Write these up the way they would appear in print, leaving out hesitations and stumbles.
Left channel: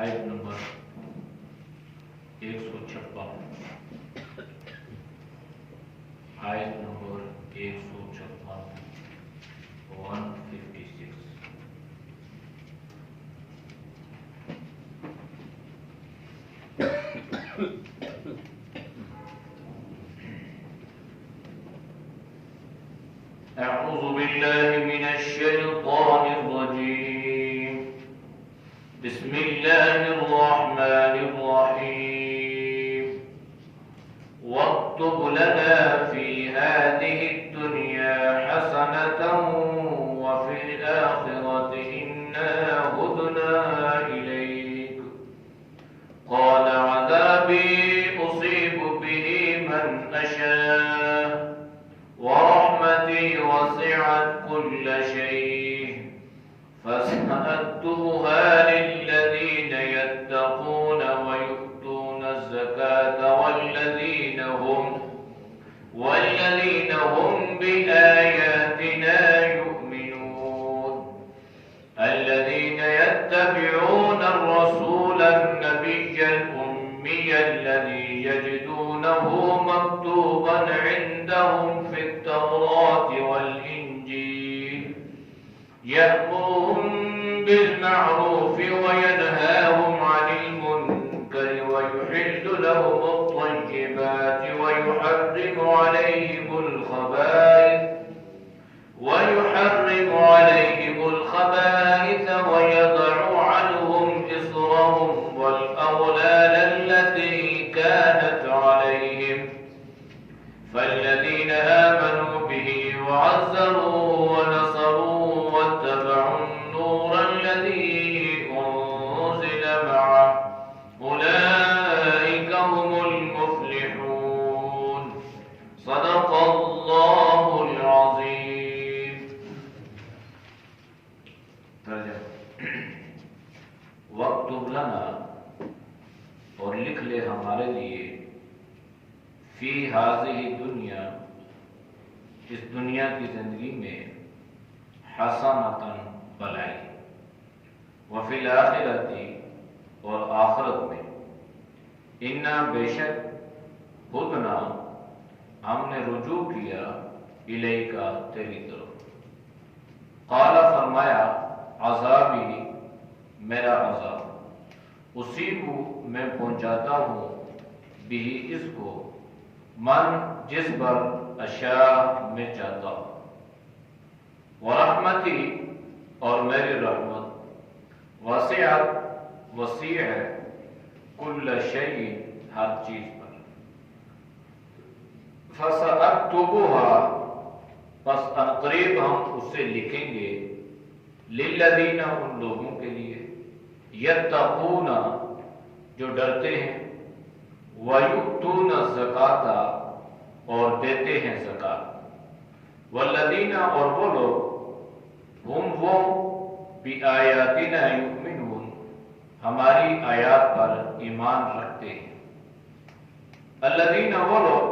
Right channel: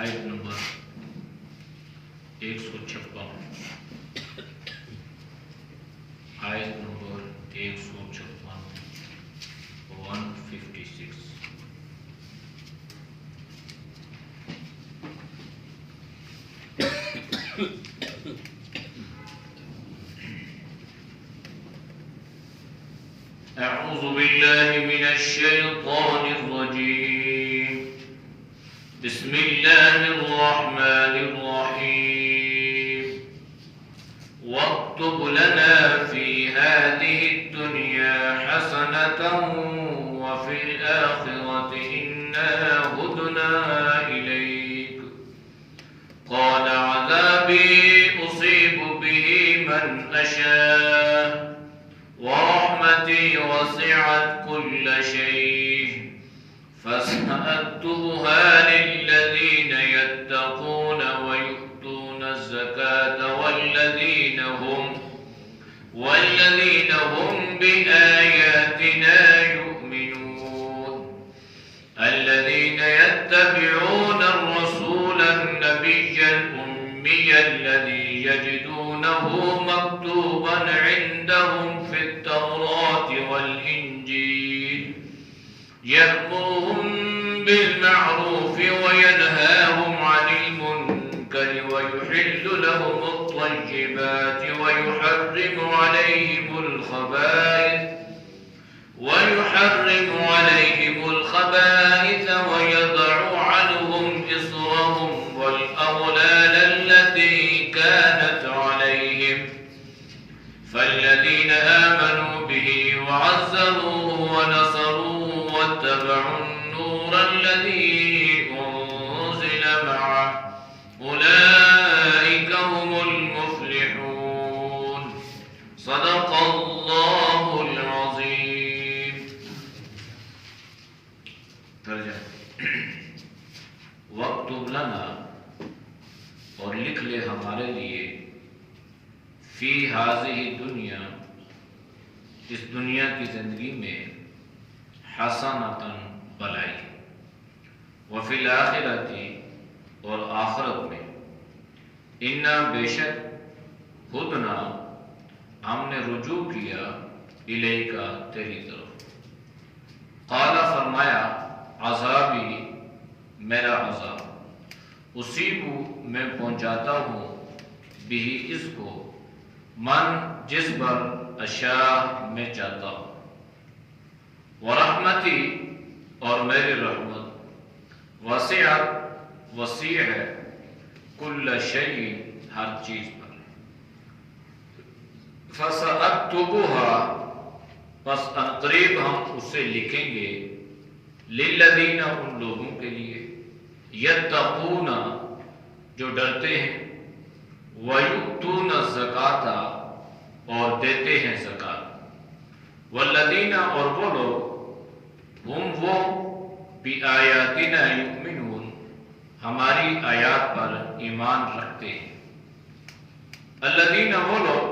آیت نمبر 156، آیت نمبر 156 أعوذ بالله من الشيطان الرجيم. بسم الله الرحمن الرحيم. واكتب لنا في هذه الدنيا حسنة وفي الآخرة إنا هدنا إليك. قال عذابي أصيب به من أشاء ورحمتي وسعت كل شيء فسأكتبها للذين يتقون ويؤتون الزكاة والذين هم بآياتنا يؤمنون. الذين يتبعون الرسول النبي الأمي الذي يجدونه مكتوبا عندهم في التوراة والإنجيل يأمرهم بالمعروف وينهاهم عن المنكر ويحل لهم الطيبات ويحرم عليهم الخبائث ويضع عنهم إصرهم والأغلال التي كانت عليهم. فالذين آمنوا به وعزروه ونصروه واتبعوا النور الذي أنزل معه أولئك هم المفلحون. صدق الله العظيم. ترجمہ: وَاكْتُبْ لَنَا، اور لکھ لے ہمارے لیے، فی ہذہ دنیا، اس دنیا کی زندگی میں، حسنۃً بھلائی، وفی الآخرۃ، اور آخرت میں، انا بے شک، ہدنا ہم نے رجوع کیا، الیک تیری طرف. قال فرمایا، عذابی میرا عذاب، اصیب میں پہنچاتا ہوں، بھی اس کو، من جس پر اشاء میں چاہتا ہوں، ورحمتی اور میری رحمت، وسعت وسیع ہے، کل شیء ہر چیز پر، فسأکتبها پس عنقریب ہم اسے لکھیں گے، للذین ان لوگوں کے لیے، یتقون جو ڈرتے ہیں، وَيُؤْتُونَ الزَّكَاةَ اور دیتے ہیں زکات، وَالَّذِينَ اور وہ لوگ، ہم وہ، بِآيَاتِنَا يُؤْمِنُونَ ہماری آیات پر ایمان رکھتے ہیں، الَّذِينَ وہ لوگ،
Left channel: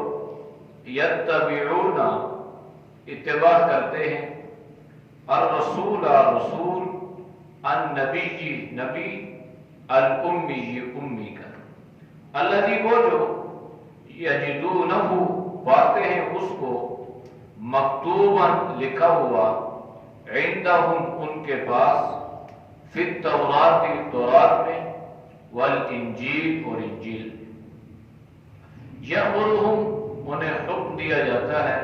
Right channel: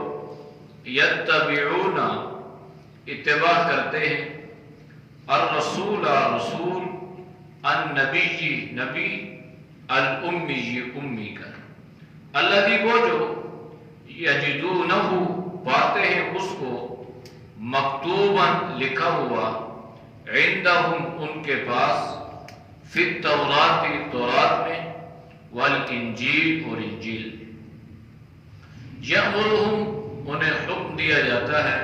يَتَّبِعُونَ اتباع کرتے ہیں، الرسول رسول، النبی نبی، الأمی امی کا، الذی وہ جو، یجدونہ پاتے ہیں اس کو، مکتوباً لکھا ہوا، عندہم ان کے پاس، فی التوراۃ تورات میں، والانجیل اور انجیل، یأمرہم انہیں حکم دیا جاتا ہے،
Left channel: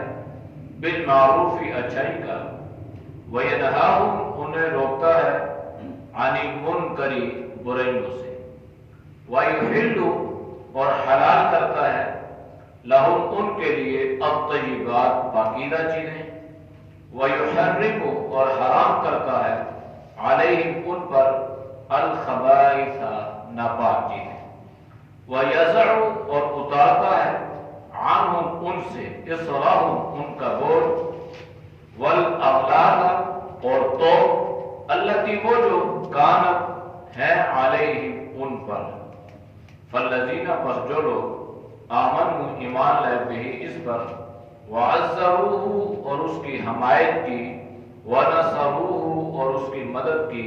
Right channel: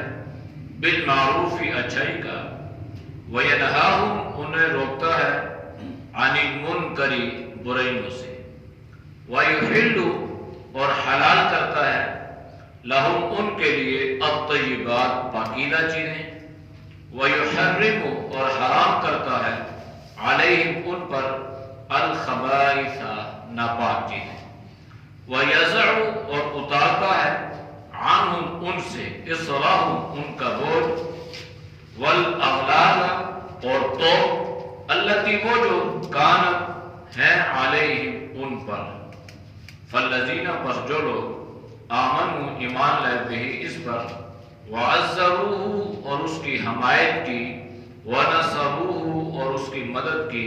بالمعروف اچھائی کا، وینہاہم انہیں روکتا ہے، عن المنکر برائیوں سے، ویحل اور حلال کرتا ہے، لہم ان کے لیے، الطیبات پاکیزہ چیزیں، ویحرم اور حرام کرتا ہے، علیہم ان پر، الخبائث ناپاک چیزیں، ویضع اور اتارتا ہے، عنہم ان سے، اصرہم ان کا بوجھ، والاغلال اور توق، التی وہ جو، کانت ہے، علیہم ان پر، فالذین پس جو لوگ، آمنوا ایمان لائے، بھی اس پر، وعزروہ اور اس کی حمایت کی، ونصروہ اور اس کی مدد کی،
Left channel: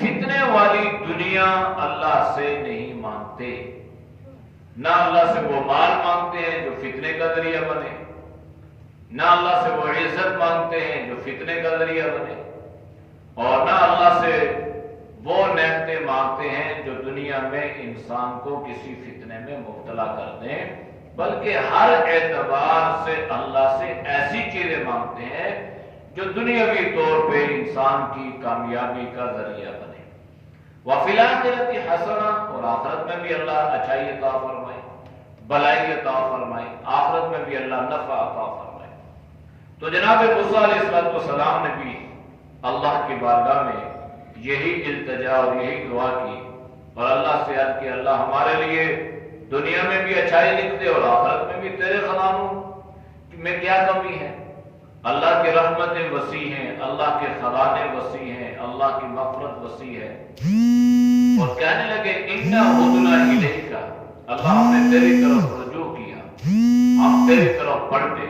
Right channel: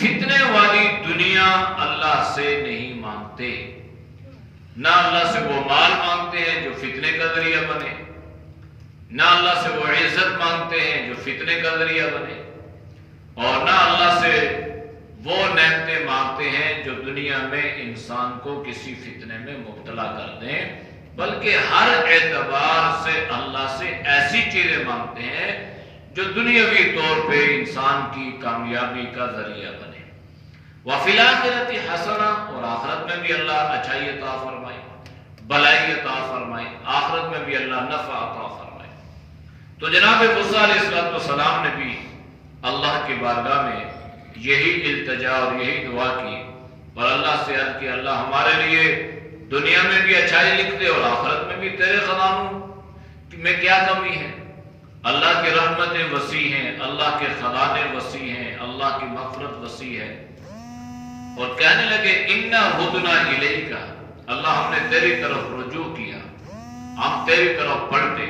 فتنے والی دنیا اللہ سے نہیں مانگتے، نہ اللہ سے وہ مال مانگتے ہیں جو فتنے کا ذریعہ بنے، نہ اللہ سے وہ عزت مانگتے ہیں جو فتنے کا ذریعہ بنے، اور نہ اللہ سے وہ نعمتیں مانگتے ہیں جو دنیا میں انسان کو کسی فتنے میں مبتلا کر دیں، بلکہ ہر اعتبار سے اللہ سے ایسی چیزیں مانگتے ہیں جو دنیاوی طور پہ انسان کی کامیابی کا ذریعہ بنے۔ وَفِي الْآخِرَةِ حَسَنَةٌ، اور آخرت میں بھی اللہ اچھائی عطا فرمائے، بلائی عطا فرمائے، آخرت میں بھی اللہ نفع عطا فرمائے۔ تو جناب موسیٰ علیہ السلام نے بھی اللہ کی بارگاہ میں یہی التجا اور یہی دعا کی، اور اللہ سے عرض کی اللہ ہمارے لیے دنیا میں بھی اچھائی لکھ دے اور آخرت میں بھی تیرے خزانوں میں کیا کمی ہے۔ اللہ کی رحمتیں وسیع ہیں، اللہ کے خزانے وسیع ہیں، اللہ کی مغفرت وسیع ہے۔ اور کہنے لگے اِنَّا ہُدْنَا إِلَيْكَ، اللہ ہم نے تیری طرف رجوع کیا، ہم تیری طرف پڑھتے۔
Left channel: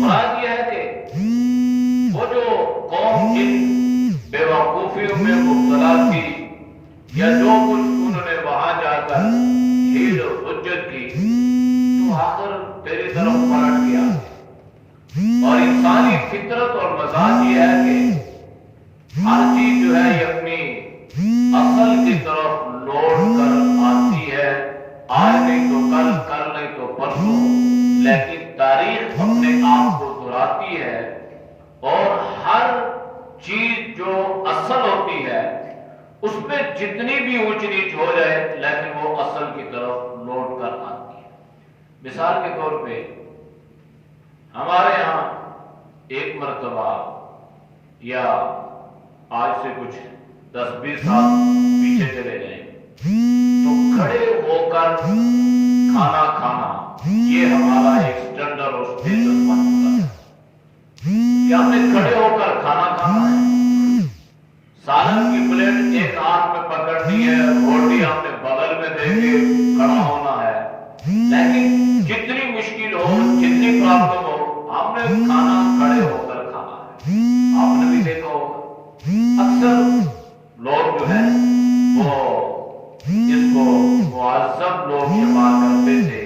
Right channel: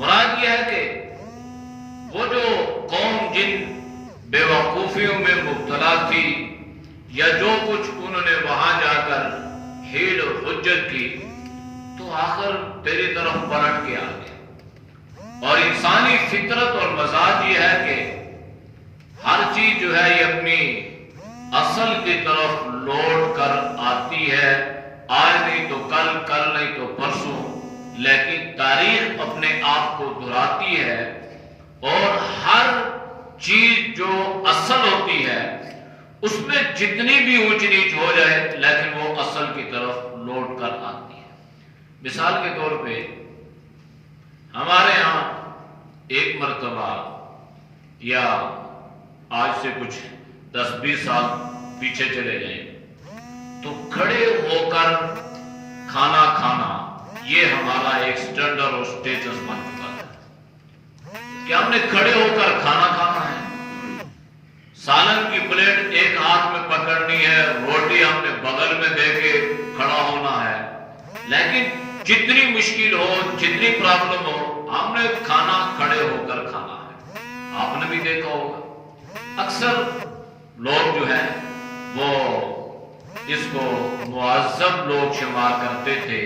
مراد یہ ہے کہ وہ جو قوم جن بے وقوفیوں میں مبتلا تھی، یا جو کچھ انہوں نے وہاں جا کر حیل اور حجت کی، تو آخر تیری طرف پلٹ گیا۔ اور انسانی فطرت اور مزاج یہ ہے کہ ہر چیز جو ہے یہ اپنی اصل کی طرف لوٹ کر آتی ہے، آج نہیں تو کل، کل نہیں تو پرسوں، لیکن تاریخ اپنے آپ کو دہراتی ہے، اور ہر چیز جو اصل ہوتی ہے اس میں جتنی بھی اونچ نیچ ہو جائے لیکن وہ اصل کی طرف لوٹ کر آتی ہے۔ مثال کے طور پہ ہمارے ہاں ایک مرتبہ، یا آج سے کچھ 10-20 سال پیچھے چلے جائیں، تو کھڑے ہو کر کھانا کھانا یہ ہمارا ایک سٹینڈرڈ اور سٹیٹس بن چکا ہے کہ ہم نے کھڑے ہو کر کھانا کھانا ہے، سالن کی پلیٹ ایک ہاتھ میں پکڑنی ہے، روٹی ہم نے بغل میں دے کے کھڑا ہونا ہے۔ لیکن جتنی مشکل ہو، جتنی پرابلم ہو، ہم نے کھانا کھڑے ہو کر کھانا ہے۔ آپ نے بھی دیکھا ہوگا اکثر لوگ جو ہیں وہ اس کو معذب لوگ شمار کرتے تھے،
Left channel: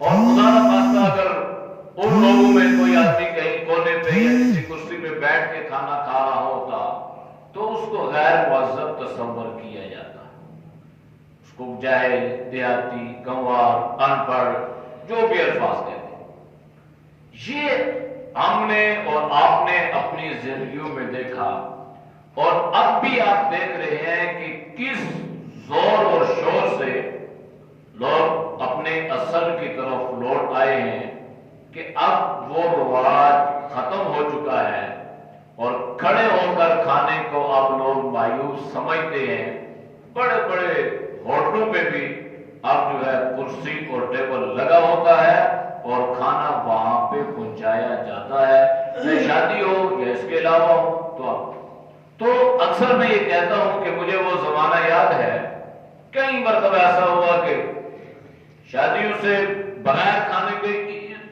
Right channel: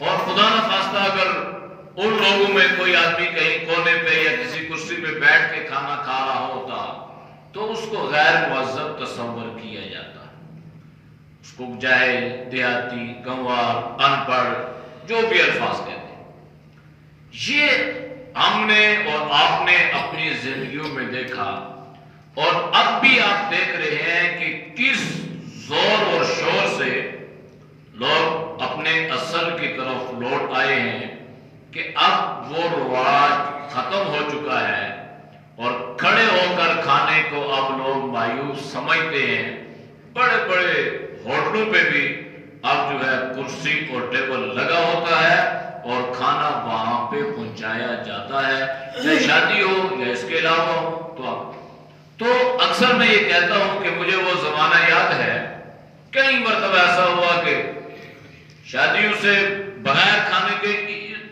اور خدا نہ خواستہ اگر ان لوگوں میں کوئی آدمی کہیں کونے پہ یا کسی کرسی پہ بیٹھ کے کھانا کھا رہا ہوتا تو اس کو غیر معذب تصور کیا جاتا، اس کو جاہل، دیہاتی، گنوار، ان پڑھ، جو بھی الفاظ کہتے ہیں۔ یہ ہم نے اور آپ نے اپنی زندگیوں میں دیکھا، اور اب بھی آپ دیکھ رہے ہیں کہ کس زور اور شور سے لوگ اپنے اصل کی طرف لوٹ آئے ہیں، کہ اب وہ رواج ختم ہو چکا ہے، اور کھڑے ہو کر کھانے کو اب لوگ مایوس سمجھتے ہیں۔ بڑے بڑے ہوٹلوں پہ بھی اب جو ہے کرسی اور ٹیبل لگا ہوتا ہے اور کھانا وہاں پہ پہنچایا جاتا ہے، چاہے شادی ہو یا اس کے علاوہ ہو۔ تو اکثر میں یہ کہتا ہوں کہ مجھے وہ زمانہ یاد ہے، کئی مرتبہ ایسا ہوا کہ شادیوں سے بغیر کھانے کے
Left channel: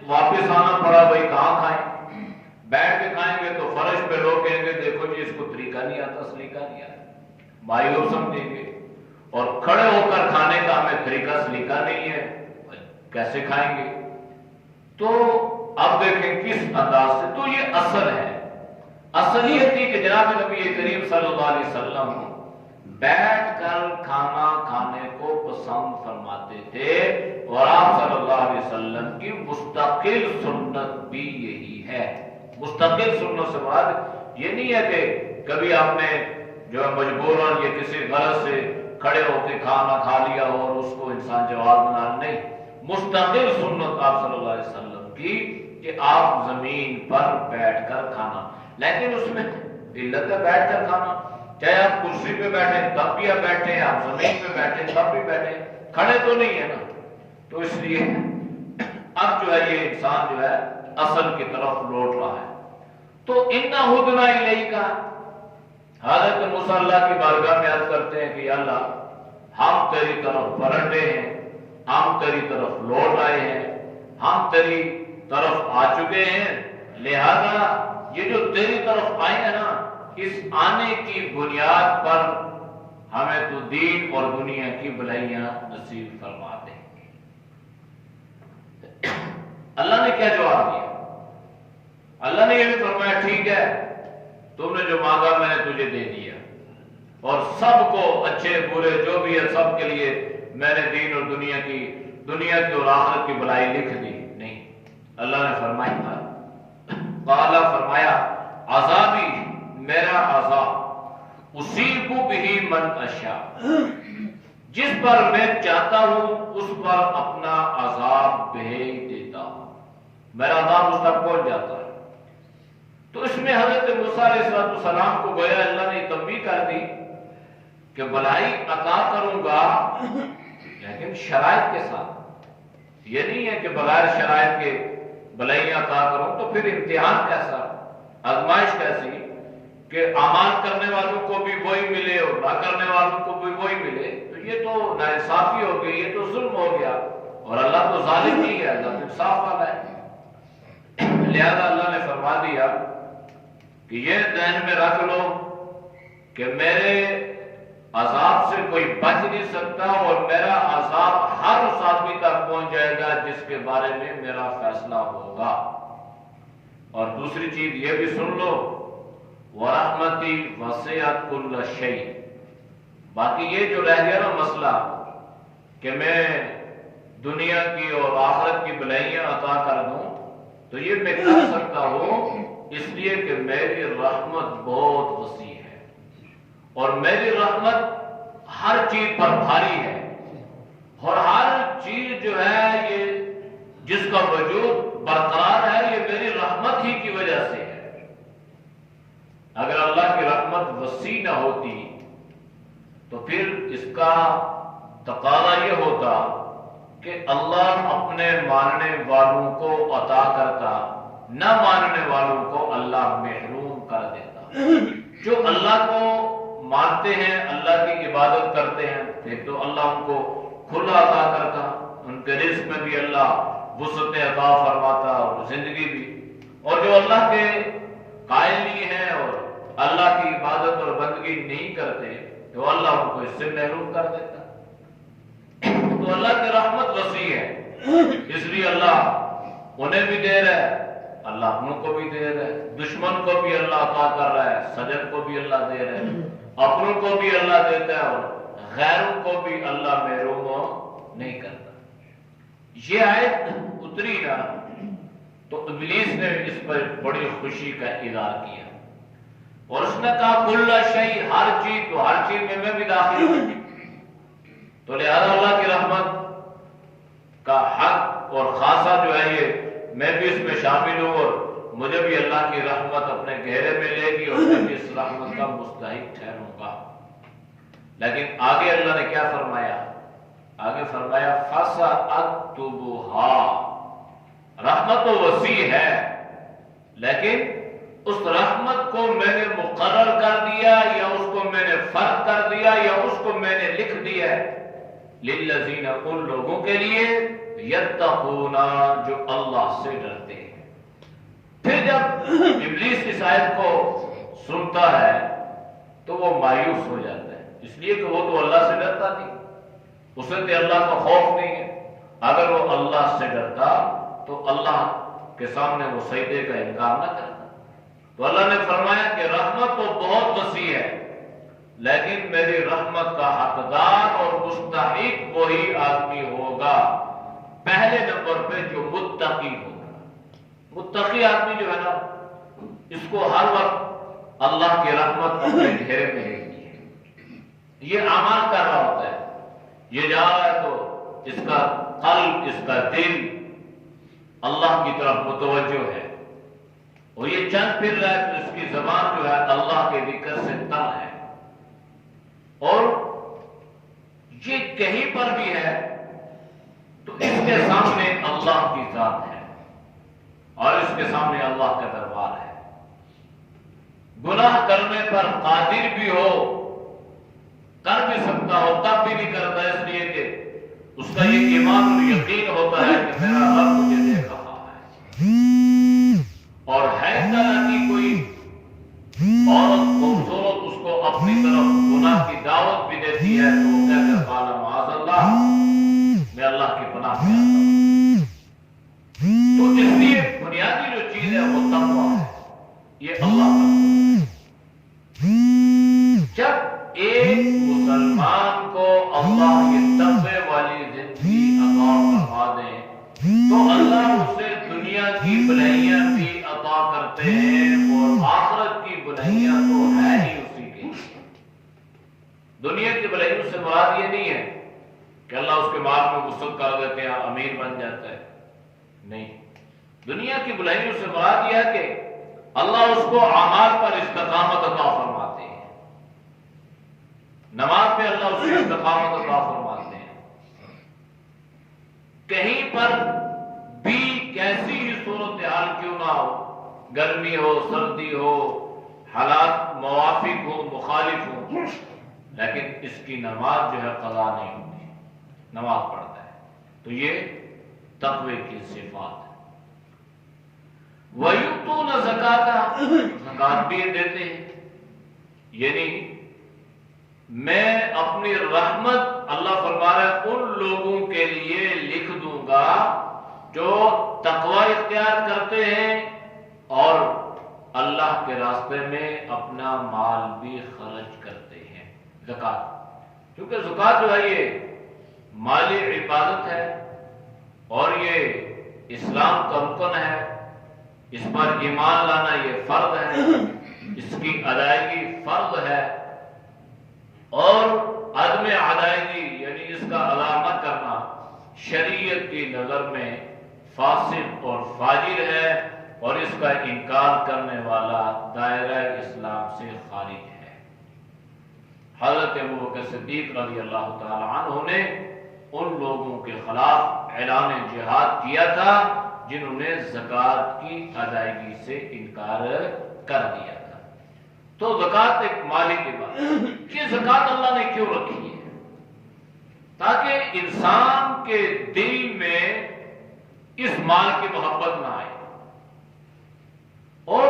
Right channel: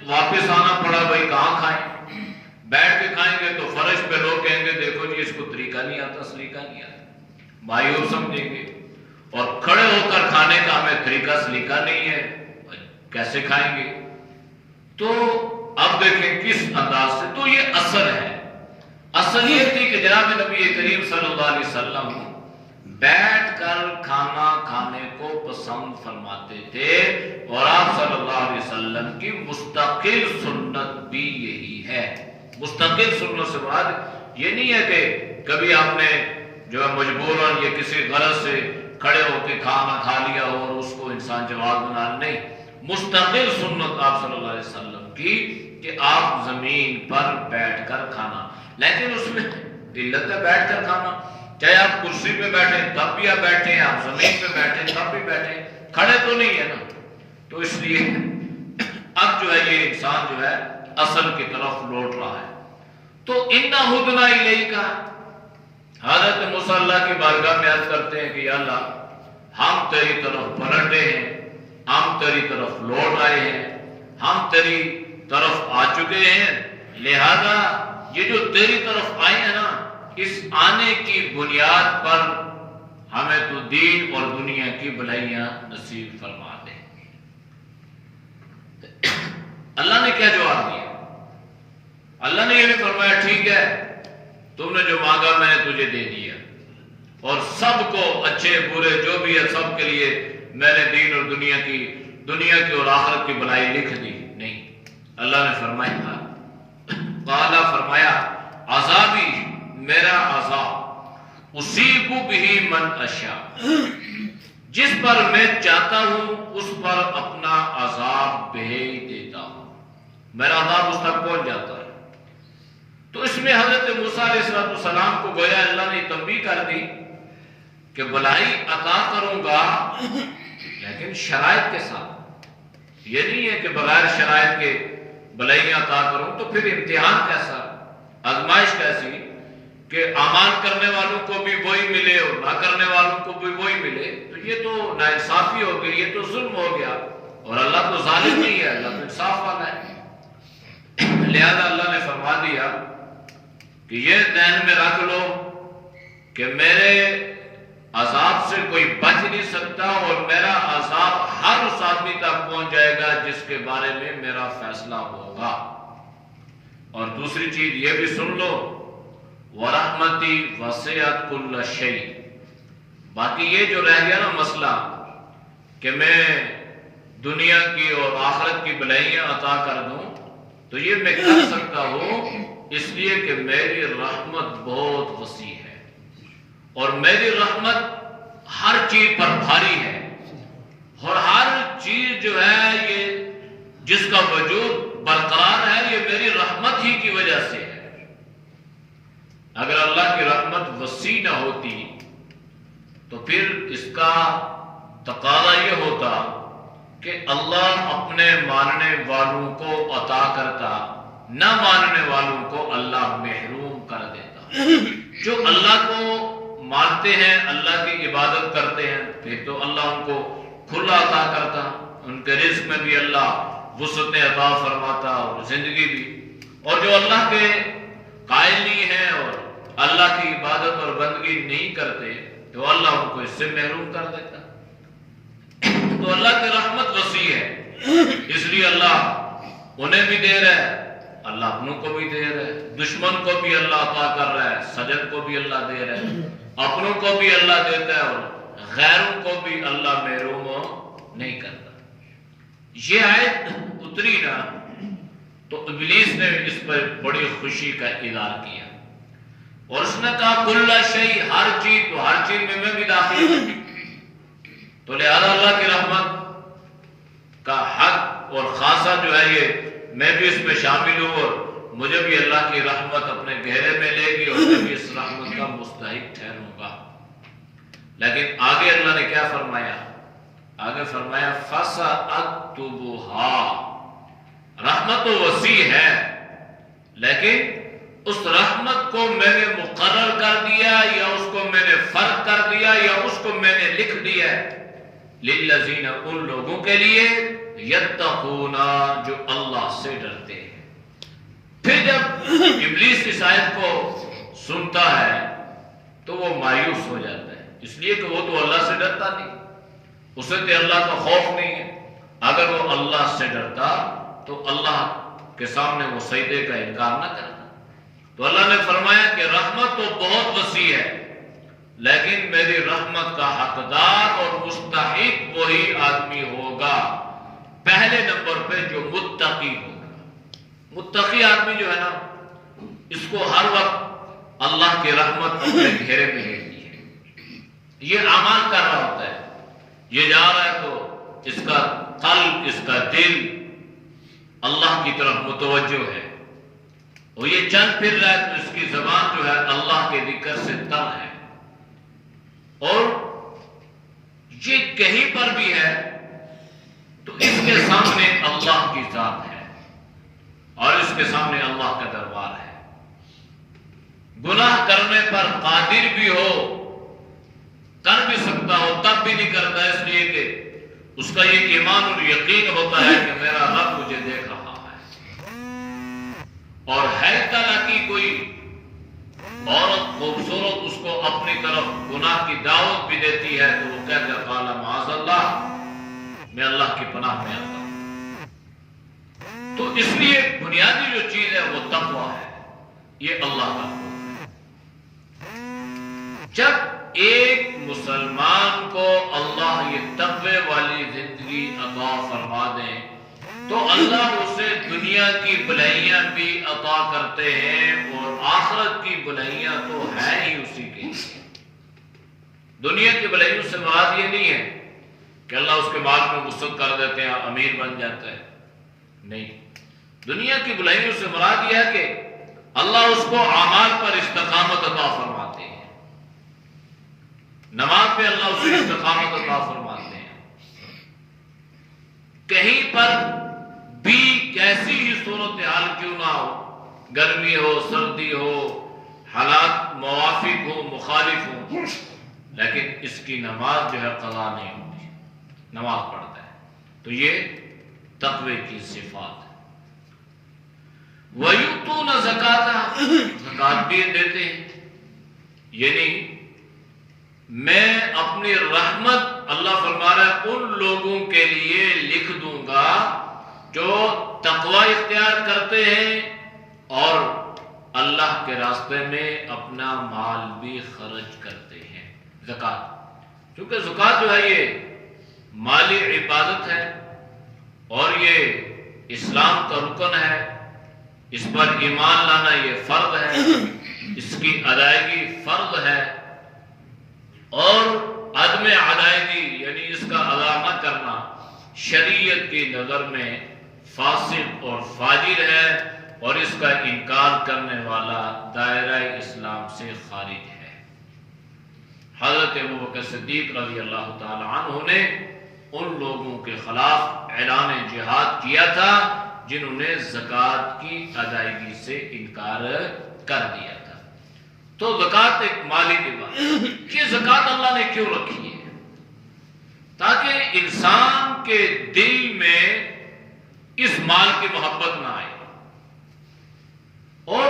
واپس آنا پڑا، بھائی کہاں کھائیں، بیٹھ کے کھائیں گے تو فرش پہ لوگ کہیں گے دیکھو جی اس کو طریقہ نہیں آتا، سلیقہ نہیں آتا، مایوس سمجھیں گے، اور کھڑے ہو کر کھانے کا ہمیں طریقہ سلیقہ نہیں ہے، کیسے کھائیں گے؟ تو اب دیکھیں کس انداز سے، تو یہ اصل ہے۔ اصل یہ تھی کہ جناب نبی کریم صلی اللہ علیہ وسلم بیٹھ کر کھانا کھانے کو پسند فرماتے تھے، اور آپ صلی اللہ علیہ وسلم کی مستقل سنت بھی یہی ہے۔ مستقل سنت سے مراد یہ نہیں ہے کہ کبھی آپ نے جو ہے مجبوراً یا کسی غرض سے کھڑے ہو کے کھانا کھا لیا ہو اور اس کو انسان جواب بنا، نہیں، مستقل سنت آپ صلی اللہ علیہ وسلم کی کہ آپ زمین پر بیٹھ کر کھانا، لیکن اس میں علت ہے بیٹھ کر کھانا، چاہے آپ کرسی پہ بیٹھیں تب بھی آپ بیٹھیں، آپ زمین پہ بیٹھیں تب بھی بیٹھیں، کھڑے تو نہیں ہے نا۔ تو اس لیے اب جو ہے یہ انسان جو ہے اصل کی طرف لوٹ رہا ہے۔ تو اِنَّا ہُدْنَا إِلَيْكَ، حضرت موسیٰ اللہ کی بارگاہ میں عرض کرتے ہیں کہ یا اللہ ہم تیری طرف پلٹے ہیں، ہم تیری طرف لوٹ آئے ہیں، ہم تیری طرف آ چکے ہیں، لہذا یہ جو تیری طرف آئے ہیں نا، اس آنے کی بنیاد پر ہمیں تو دین اور دنیا کی بھلائیاں نصیب فرما دے۔ اللہ نے کیا جواب دیا؟ اللہ نے یہ بھی فرمایا ٹھیک ہے، تم نے جو مانگا میں نے تجھے دے دیا، اور سب کو اچھے برے جو بھی ہے سب کے لیے میں نے دین اور دنیا کی اور آخرت کی بھلائی لکھ دی۔ نہیں، اللہ نے فرمایا قالا فرمایا عذابی میرا عذاب اصیب بہ من اشاء، جس پر میں چاہتا ہوں اس پر اپنا عذاب بھیج دیتا ہوں، میرا عذاب اس تک پہنچ جاتا ہے۔ تو اس میں حضرت موسیٰ علیہ السلام کو گویا اللہ نے تنبیہ کر دی کہ بھلائی عطا کروں گا لیکن شرائط کے ساتھ۔ یہ نہیں ہے کہ بغیر شرائط کے بھلائی عطا کروں، تو پھر امتحان کیسا، آزمائش کیسی کہ اعمال کرنے والوں کو بھی وہی ملے اور نہ کرنے والوں کو بھی وہی ملے، تو یہ تو ناانصافی ہو گئی، یہ تو ظلم ہو گیا، اور اللہ تو ظالم نہیں ہے، اللہ تو انصاف والا ہے۔ لہذا اللہ نے فرما دیا کہ یہ ذہن میں رکھ لو کہ میرے عذاب سے کوئی بچ نہیں سکتا، اور میرا عذاب ہر اس آدمی تک پہنچ جائے گا جس کے بارے میں میرا فیصلہ ہوگا۔ اور دوسری چیز یہ بھی سن لو وَرَحْمَتِي وَسِعَتْ كُلَّ شَيْءٍ، باقی یہ جو رہ گیا نا مسئلہ کہ میں دنیا کی اور آخرت کی بھلائیاں عطا کر دوں، تو یہ میں کر سکتا ہوں اس لیے کہ میری رحمت بہت وسیع ہے، اور میری رحمت ہر چیز پر بھاری ہے، اور ہر چیز جو ہے یہ جس کا وجود برقرار ہے یہ میری رحمت ہی کی وجہ سے ہے۔ اگر اللہ کی رحمت وسیع نہ ہوتی تو پھر اس کا تقاضا یہ ہوتا کہ اللہ اپنے ماننے والوں کو عطا کرتا، نہ ماننے والوں کو اللہ محروم کر دیتا۔ جو اللہ کو مانتے ہیں، اللہ کی عبادت کرتے ہیں، پھر تو اللہ ان کو کھلا عطا کرتا، ان کے رزق میں بھی اللہ وسعتیں عطا فرماتا اور زندگی بھی، اور جو اللہ کے قائل نہیں ہیں اور اللہ کی عبادت اور بندگی نہیں کرتے تو اللہ ان کو اس سے محروم کر دیتا۔ تو اللہ کی رحمت وسیع ہے، اس لیے اللہ انہیں بھی دے رہا ہے، اللہ اپنوں کو بھی دے رہا ہے، دشمن کو بھی اللہ عطا کر رہا ہے، سجن کو بھی اللہ دے رہا ہے، اپنوں کو بھی اللہ دیتا ہے، اور غیروں کو بھی اللہ محروم نہیں کرتا۔ یہ آیت اتری نا تو ابلیس نے اس پر بڑی خوشی کا اظہار کیا، اور اس نے کہا کل شیء، ہر چیز، تو ہر چیز میں بھی داخل ہوں، تو لہذا اللہ کی رحمت کا حق اور خاصہ جو ہے یہ میں بھی اس میں شامل ہوں، اور مجھے بھی اللہ کی رحمت اپنے گہرے میں لے گی، اور میں بھی اس رحمت کا مستحق ٹھہروں گا۔ لیکن آگے اللہ نے کیا فرمایا؟ آگے فرمایا فَسَأَكْتُبُهَا، رحمت تو وسیع ہے لیکن اس رحمت کو میں نے مقرر کر دیا، یا اس کو میں نے فرق کر دیا، یا اس کو میں نے لکھ دیا لِلَّذِينَ، ان لوگوں کے لیے یتقون، جو اللہ سے ڈرتے ہیں۔ پھر جب ابلیس اس آیت کو سنتا ہے تو وہ مایوس ہو جاتا ہے، اس لیے کہ وہ تو اللہ سے ڈرتا نہیں، اسے تو اللہ کا خوف نہیں ہے۔ اگر وہ اللہ سے ڈرتا تو اللہ کے سامنے وہ سجدے کا انکار نہ کرتا۔ تو اللہ نے فرمایا کہ رحمت تو بہت وسیع ہے لیکن میری رحمت کا حقدار اور مستحق وہی آدمی ہوگا، پہلے نمبر پہ جو متقی ہوگا۔ متقی آدمی جو ہے نا، اس کو ہر وقت اللہ کی رحمت اپنے گھیرے میں لیتی ہے۔ یہ اعمال کر رہا ہوتا ہے، یہ جا رہا ہے تو اس کا قلب، اس کا دل اللہ کی طرف متوجہ ہے، اور یہ چل پھر رہا ہے تو اس کی زبان جو ہے اللہ کے ذکر سے تر ہے، اور یہ کہیں پر بھی ہے تو اس کے سامنے اللہ کی ذات ہے، اور اس کے سامنے اللہ کا دربار ہے۔ گناہ کرنے پر قادر بھی ہو، کر بھی سکتا ہو، تب بھی نہیں کرتا، اس لیے کہ اس کا یہ ایمان اور یقین ہوتا ہے کہ میرا رب مجھے دیکھ رہا ہے، اور ہے طرح کی کوئی عورت خوبصورت اس کو اپنی طرف گناہ کی دعوت بھی دیتی ہے تو وہ کہتا ہے قال معاذ اللہ، میں اللہ کی پناہ میں آتا ہوں۔ تو اس لیے بنیادی جو چیز ہے وہ تقویٰ ہے، یہ اللہ کا خوف۔ جب ایک مسلمان کو اللہ یہ تقوی والی زندگی عطا فرما دیں تو اللہ اسے دنیا کی بھلائیاں بھی عطا کرتے ہیں، اور آخرت کی بھلائیاں تو ہے ہی اسی کے لیے۔ دنیا کی بھلائیوں سے مراد یہ نہیں ہے کہ اللہ اس کے مال میں وسعت کر دیتے ہیں، امیر بن جاتا ہے، نہیں۔ دنیا کی بھلائیوں سے مراد یہ ہے کہ اللہ اس کو اعمال پر استقامت عطا فرماتے ہیں، نماز پہ اللہ اس کو استقامت عطا فرماتے ہیں۔ کہیں پر بھی کیسی ہی صورتحال کیوں نہ ہو، گرمی ہو، سردی ہو، حالات موافق ہو، مخالف ہو، لیکن اس کی نماز جو ہے قضا نہیں ہوتی، نماز پڑھتا ہے۔ تو یہ تقوی کی صفات ہے۔ وَيُؤْتُونَ الزَّكَاةَ، زکات بھی دیتے ہیں، یعنی میں اپنی رحمت، اللہ فرما رہا ہے، ان لوگوں کے لیے لکھ دوں گا جو تقوی اختیار کرتے ہیں اور اللہ کے راستے میں اپنا مال بھی خرچ کرتے ہیں۔ زکات، کیونکہ زکات جو ہے یہ مالی عبادت ہے اور یہ اسلام کا رکن ہے، اس پر ایمان لانا یہ فرض ہے، اس کی ادائیگی فرض ہے، اور عدم ادائیگی یعنی اس کا ادا نہ کرنا شریعت کی نظر میں فاسق اور فاجر ہے، اور اس کا انکار کرنے والا دائرہ اسلام سے خارج ہے۔ حضرت ابوبکر صدیق رضی اللہ تعالی عنہ نے ان لوگوں کے خلاف اعلان جہاد کیا تھا جنہوں نے زکوٰۃ کی ادائیگی سے انکار کر دیا تھا۔ تو زکوٰۃ ایک مالی عبادت ہے۔ یہ زکوٰۃ اللہ نے کیوں رکھی ہے؟ تاکہ انسان کے دل میں اس مال کی محبت نہ آئے، اور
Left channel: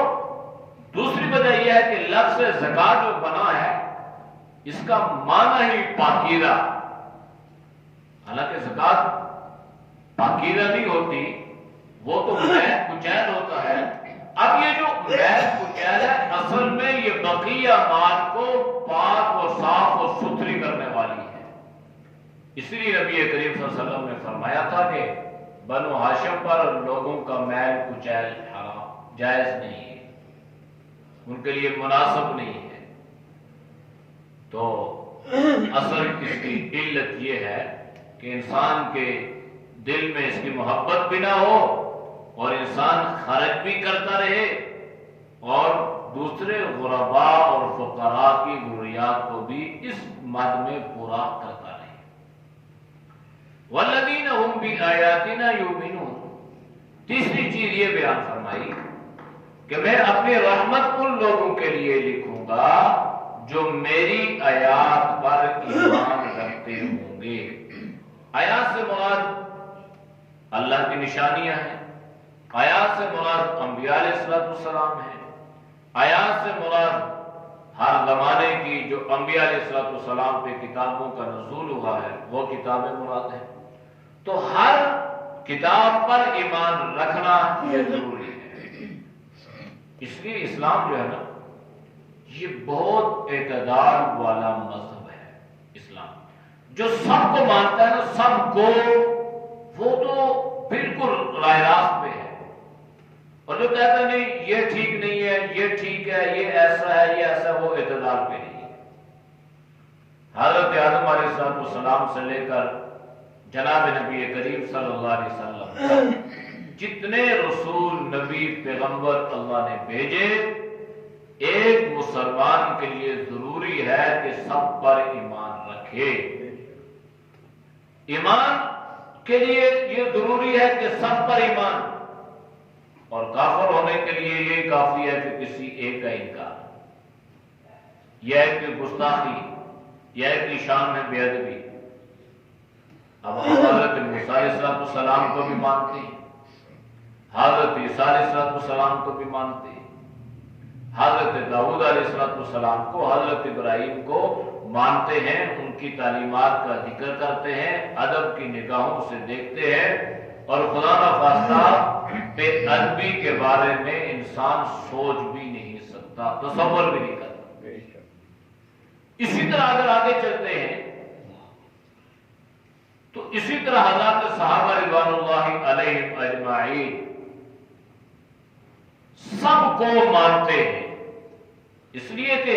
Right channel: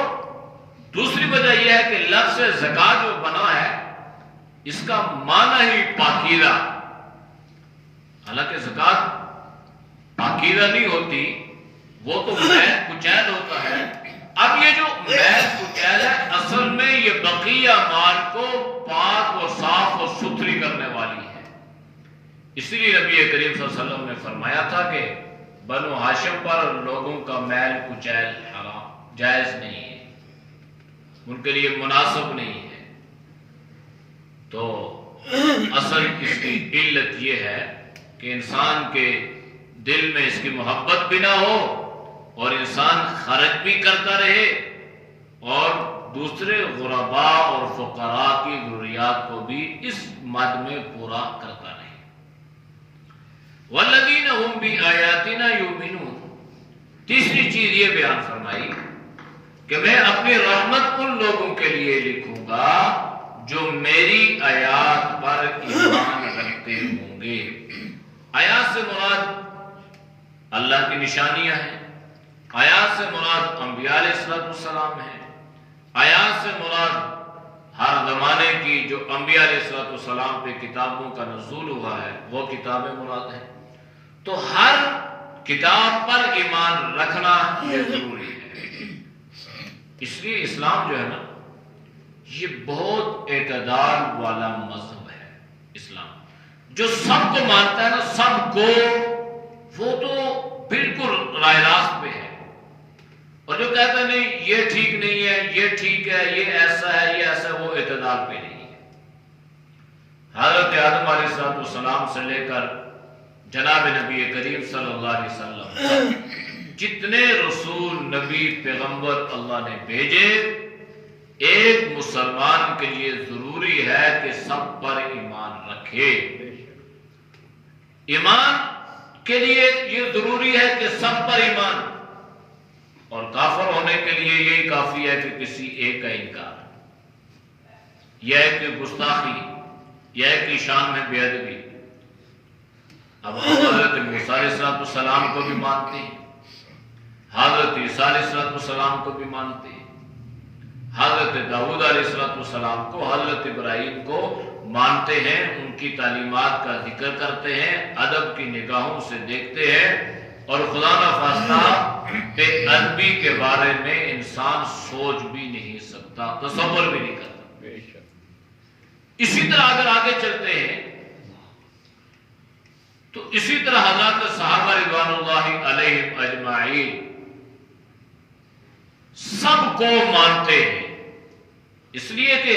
دوسری وجہ یہ ہے کہ لفظ زکوٰۃ جو بنا ہے اس کا معنی ہی پاکیزہ، حالانکہ زکوٰۃ پاکیزہ نہیں ہوتی، وہ تو میل کچیل ہوتا ہے۔ اب یہ جو میل کچیل ہے اصل میں یہ بقیہ مال کو پاک و صاف و ستھری کرنے والی ہے۔ اسی لیے نبی کریم صلی اللہ علیہ وسلم نے فرمایا تھا کہ بنو ہاشم پر لوگوں کا میل کچیل حرام، جائز نہیں ہے، ان کے لیے مناسب نہیں ہے۔ تو اصل اس کی علت یہ ہے کہ انسان کے دل میں اس کی محبت بھی نہ ہو، اور انسان خرچ بھی کرتا رہے اور دوسرے غرباء اور فقراء کی ضروریات کو بھی اس مد میں پورا کرتا رہے۔ وَالَّذِينَ هُمْ بِآيَاتِنَا يُؤْمِنُونَ، تیسری چیز یہ بیان فرمائی کہ میں اپنی رحمت ان لوگوں کے لیے لکھوں گا جو میری آیات پر ایمان رکھتے ہوں گے۔ آیات سے مراد اللہ کی نشانیاں ہیں، آیات سے مراد انبیاء علیہ السلام ہیں، آیات سے مراد ہر زمانے کی جو انبیاء علیہ السلام پہ کتابوں کا نزول ہوا ہے وہ کتابیں مراد ہیں۔ تو ہر کتاب پر ایمان رکھنا یہ ضروری ہے۔ اس لیے اسلام جو ہے نا یہ بہت اعتدال والا مذہب ہے۔ اسلام جو سب کو مانتا ہے نا، سب کو، وہ تو بالکل راہ راست پہ ہے، اور جو کہتا ہے نہیں یہ ٹھیک نہیں ہے، یہ ٹھیک ہے، یہ ایسا ہے، یہ ایسا ہے، وہ اعتدال پہ نہیں ہے۔ حضرت آدم علیہ السلام سے لے کر جناب نبی کریم صلی اللہ علیہ وسلم جتنے رسول، نبی، پیغمبر اللہ نے بھیجے، ایک مسلمان کے لیے ضروری ہے کہ سب پر ایمان رکھے۔ ایمان کے لیے یہ ضروری ہے کہ سب پر ایمان، اور کافر ہونے کے لیے یہی کافی ہے کہ کسی ایک کا انکار، یا ایک کی گستاخی، یا ایک کی شان میں بے ادبی۔ اب ہم حضرت موسیٰ علیہ السلام کو بھی مانتے ہیں، حضرت عیسیٰ علیہ السلام کو بھی مانتے ہیں، حضرت داؤد علیہ السلام کو، حضرت ابراہیم کو مانتے ہیں، ان کی تعلیمات کا ذکر کرتے ہیں، ادب کی نگاہوں سے دیکھتے ہیں، اور خدا نخواستہ بے ادبی کے بارے میں انسان سوچ بھی نہیں سکتا، تصور بھی نہیں کرتا۔ اسی طرح اگر آگے چلتے ہیں تو اسی طرح حضرات صحابہ رضوان اللہ علیہم اجمعین سب کو مانتے ہیں، اس لیے کہ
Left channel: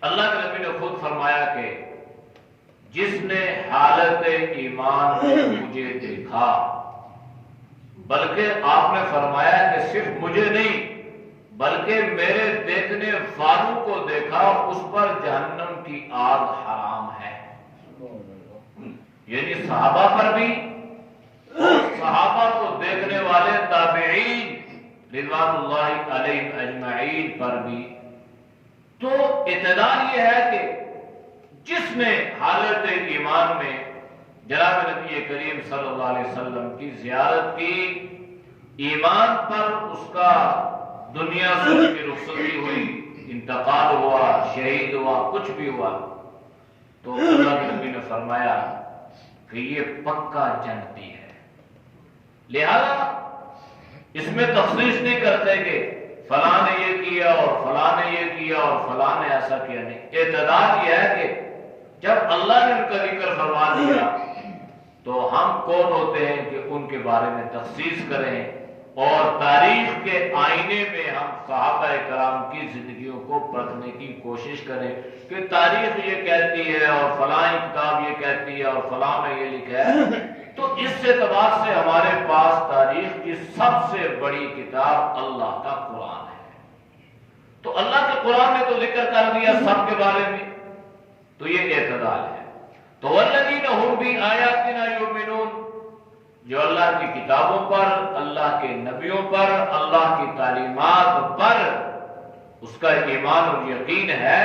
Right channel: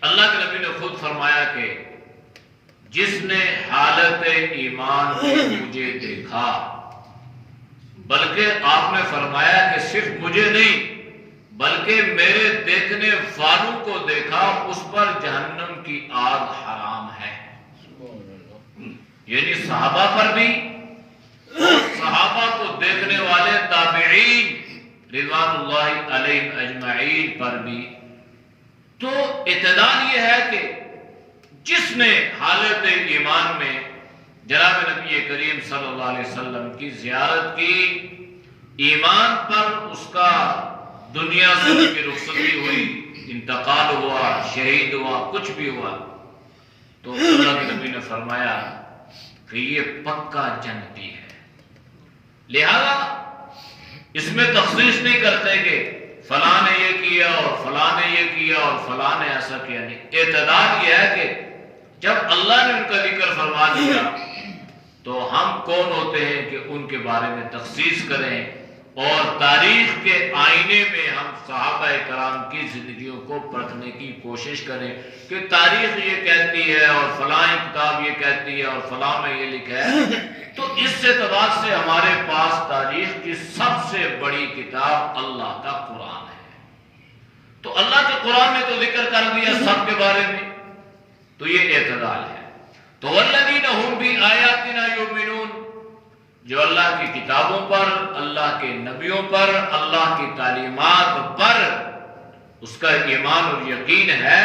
اللہ کے نبی نے خود فرمایا کہ جس نے حالت ایمان میں مجھے دیکھا، بلکہ آپ نے فرمایا کہ صرف مجھے نہیں بلکہ میرے دیکھنے والوں کو دیکھا، اس پر جہنم کی آگ حرام ہے۔ یعنی صحابہ پر بھی اور صحابہ کو دیکھنے والے تابعین رضوان اللہ علیہم اجمعین پر بھی۔ تو اعتدال یہ ہے کہ جس نے حالت ایمان میں جناب نبی کریم صلی اللہ علیہ وسلم کی زیارت کی، ایمان پر اس کا دنیا سے کی رخصتی ہوئی، انتقال ہوا، شہید ہوا، کچھ بھی ہوا، تو اللہ کے نبی نے فرمایا کہ یہ پکا جنتی ہے۔ لہذا اس میں تخصیص نہیں کرتے کہ فلاں نے یہ کیا اور فلاں نے یہ کیا اور فلاں نے ایسا کیا، نہیں۔ اعتدال یہ ہے کہ جب اللہ نے ان کا ذکر فرما دیا تو ہم کون ہوتے ہیں کہ ان کے بارے میں تخصیص کریں، اور تاریخ کے آئینے میں ہم صحابہ کرام کی زندگیوں کو پرکھنے کی کوشش کریں کہ تاریخ یہ کہتی ہے اور فلاں کتاب یہ کہتی ہے اور فلاں میں یہ لکھا ہے۔ تو اس اعتبار سے ہمارے پاس تاریخ کی سب سے بڑی کتاب اللہ کا قرآن ہے، تو اللہ کے قرآن نے تو ذکر کر دیا سب کے بارے میں، تو یہ اعتدال ہے۔ تو والذین هم بآیاتنا یؤمنون، جو اللہ کی کتابوں پر، اللہ کے نبیوں پر، اللہ کی تعلیمات پر اس کا ایمان اور یقین ہے،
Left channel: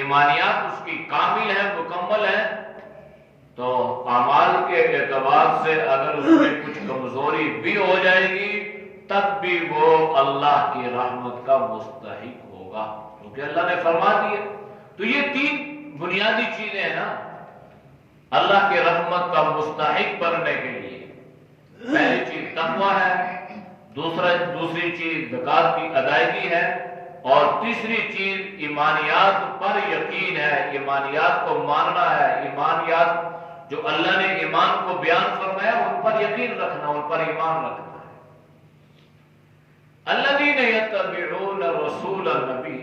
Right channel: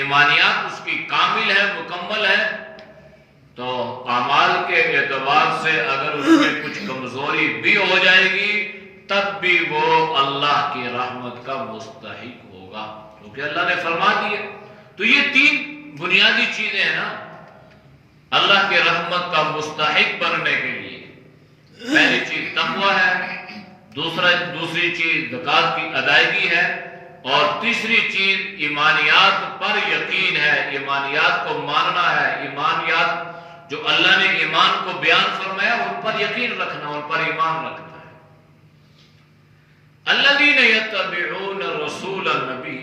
ایمانیات اس کی کامل ہے، مکمل ہے، تو اعمال کے اعتبار سے اگر اس میں کچھ کمزوری بھی ہو جائے گی تب بھی وہ اللہ کی رحمت کا مستحق ہوگا، کیونکہ اللہ نے فرما دیا۔ تو یہ تین بنیادی چیزیں ہیں نا اللہ کے رحمت کا مستحق بننے کے لیے۔ پہلی چیز تقوی ہے، دوسری چیز زکوٰۃ کی ادائیگی ہے، اور تیسری چیز ایمانیات پر یقین ہے، ایمانیات کو ماننا ہے، ایمانیات جو اللہ نے ایمان کو بیان فرمایا ان پر یقین رکھنا، ان پر ایمان رکھنا ہے۔ الذین یتبعون الرسول النبی،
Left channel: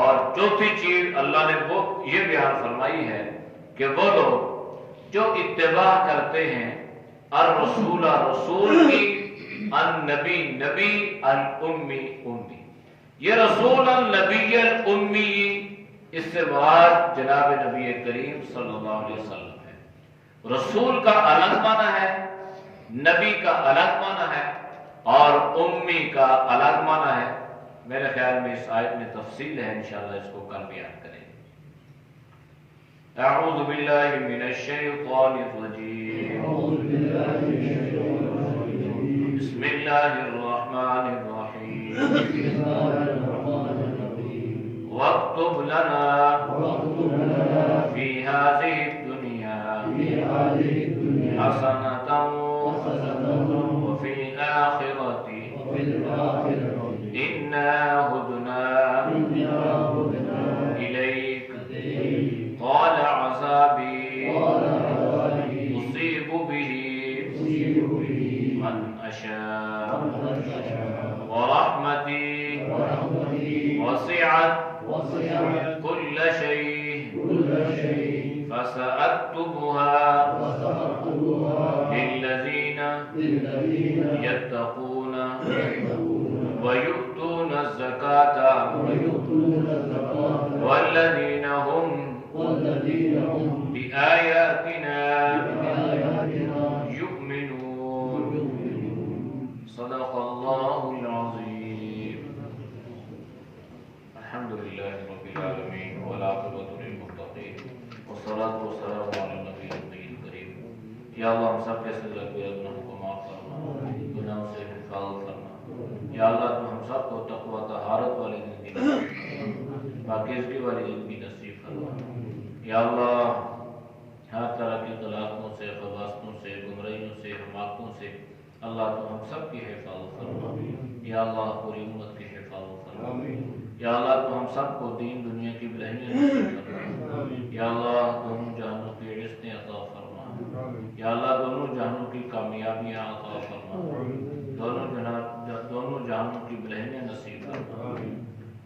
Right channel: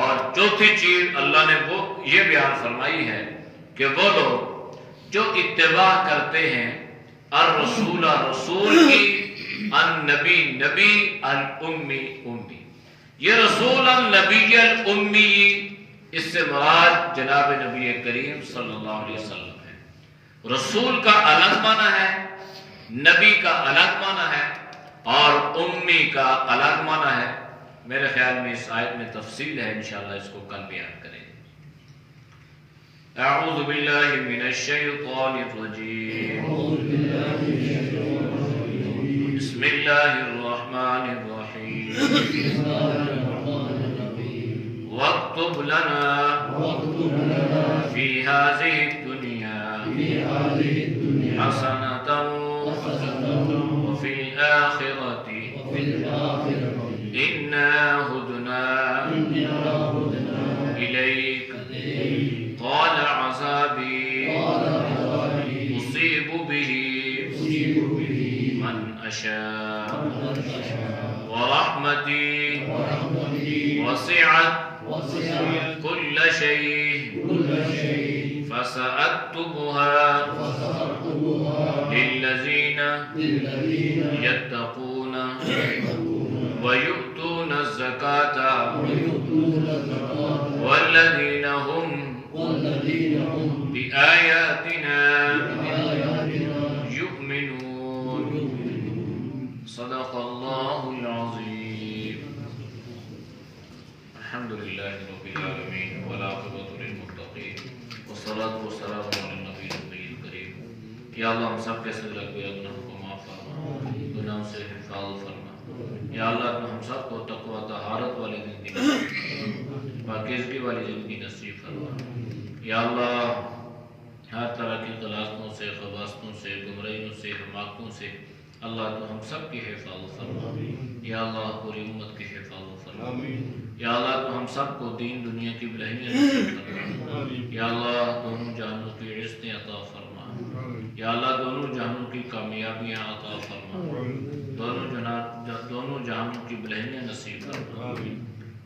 اور چوتھی چیز اللہ نے وہ یہ بیان فرمائی ہے کہ وہ لوگ جو اتباع کرتے ہیں الرسول، رسول کی، النبی، نبی، الامی، امی۔ یہ رسول النبی الامی، اس سے مراد جناب نبی کریم صلی اللہ علیہ وسلم ہے۔ رسول کا الگ معنی ہے، نبی کا الگ معنی ہے، اور امی کا الگ معنی ہے۔ میرے خیال میں اس آیت میں تفصیل ہے، انشاءاللہ اس کو کل بیان کریں۔ اعوذ باللہ من الشیطان الرجیم، بسم اللہ الرحمن الرحیم، واکتب لنا فی هذه الدنیا حسنۃ وفی الآخرۃ انا ہدنا الیک قال عذابی اصیب به من اشاء ورحمتی وسعت كل شيء فسأكتبها للذين يتقون ويؤتون الزكاة والذين هم بآياتنا يؤمنون۔ صدق الله العظيم۔ الحمد لله رب العالمين والعاقبة للمتقين والصلاة والسلام على النبي الكريم۔ یا اللہ ہم سب کے صدر اکبر گناہوں کو معاف فرما، گناہوں سے حفاظت فرما۔ یا اللہ ہم سب کو تقوی طہارت والی زندگی، پاکیزگی والی زندگی نصیب فرما۔ یا اللہ ہر طرح کی غلاظتوں سے، خباثتوں سے، گمراہیوں سے، حماقتوں سے اللہ تو ہم سب کی حفاظت فرما۔ یا اللہ پوری امت کی حفاظت فرما۔ یا اللہ تو ہم سب کو دین دنیا کی بلہمیاں نصیب فرما۔ یا اللہ دونوں جہانوں کی عزتیں عطا فرما۔ یا اللہ دونوں جہانوں کی کامیابیاں عطا فرما، دونوں جہانوں کی بلہمیاں نصیب فرما۔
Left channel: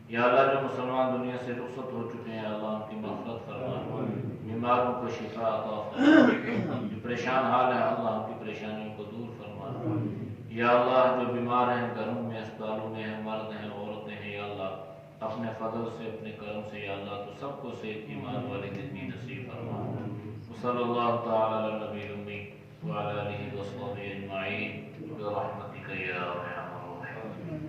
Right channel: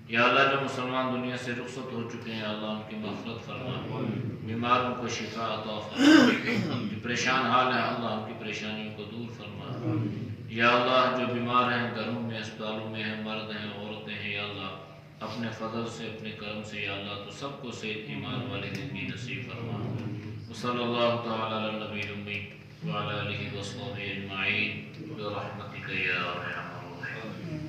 یا اللہ جو مسلمان دنیا سے رخصت ہو چکے ہیں اللہ ان کی مغفرت فرما، بیماروں کو شفا عطا فرما، جو پریشان حال ہیں اللہ ان کی پریشانیوں کو دور فرما۔ یا اللہ جو بیمار ہیں گھروں میں، اسپتالوں میں ہیں، مرد ہیں، عورتیں ہیں، یا اللہ اپنے فضل سے، اپنے کرم سے یا اللہ تو سب کو صحت ایمان والی زندگی نصیب فرما۔ وصلی اللہ تعالی علی نبی الامی وعلی آلہ وصحبہ اجمعین برحمتک یا ارحم الراحمین۔